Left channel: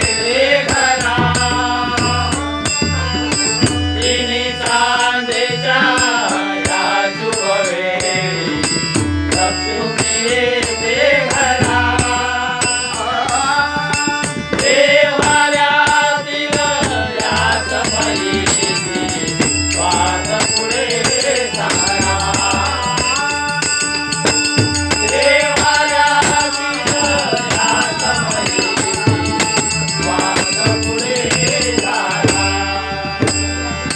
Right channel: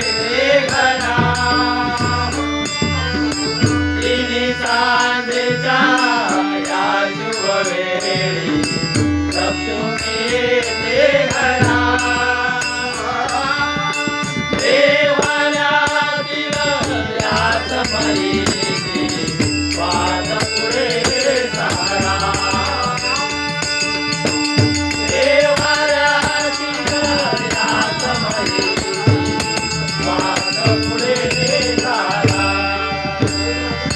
Yeah.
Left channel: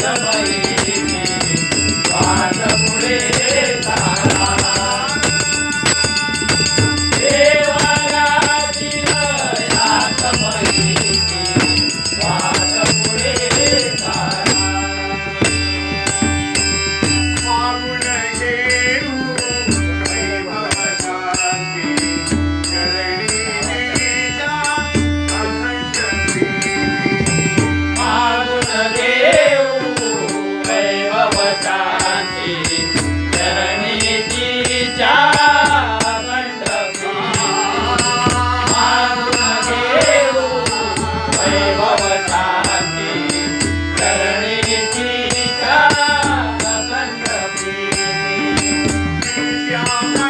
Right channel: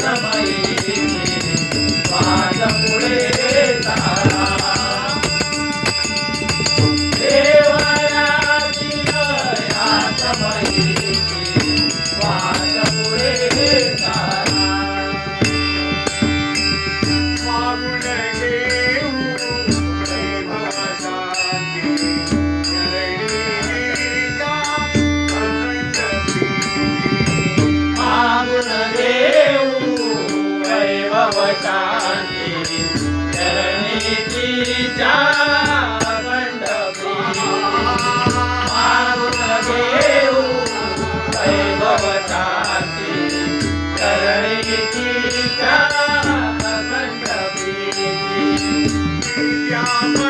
Bye. Thank you.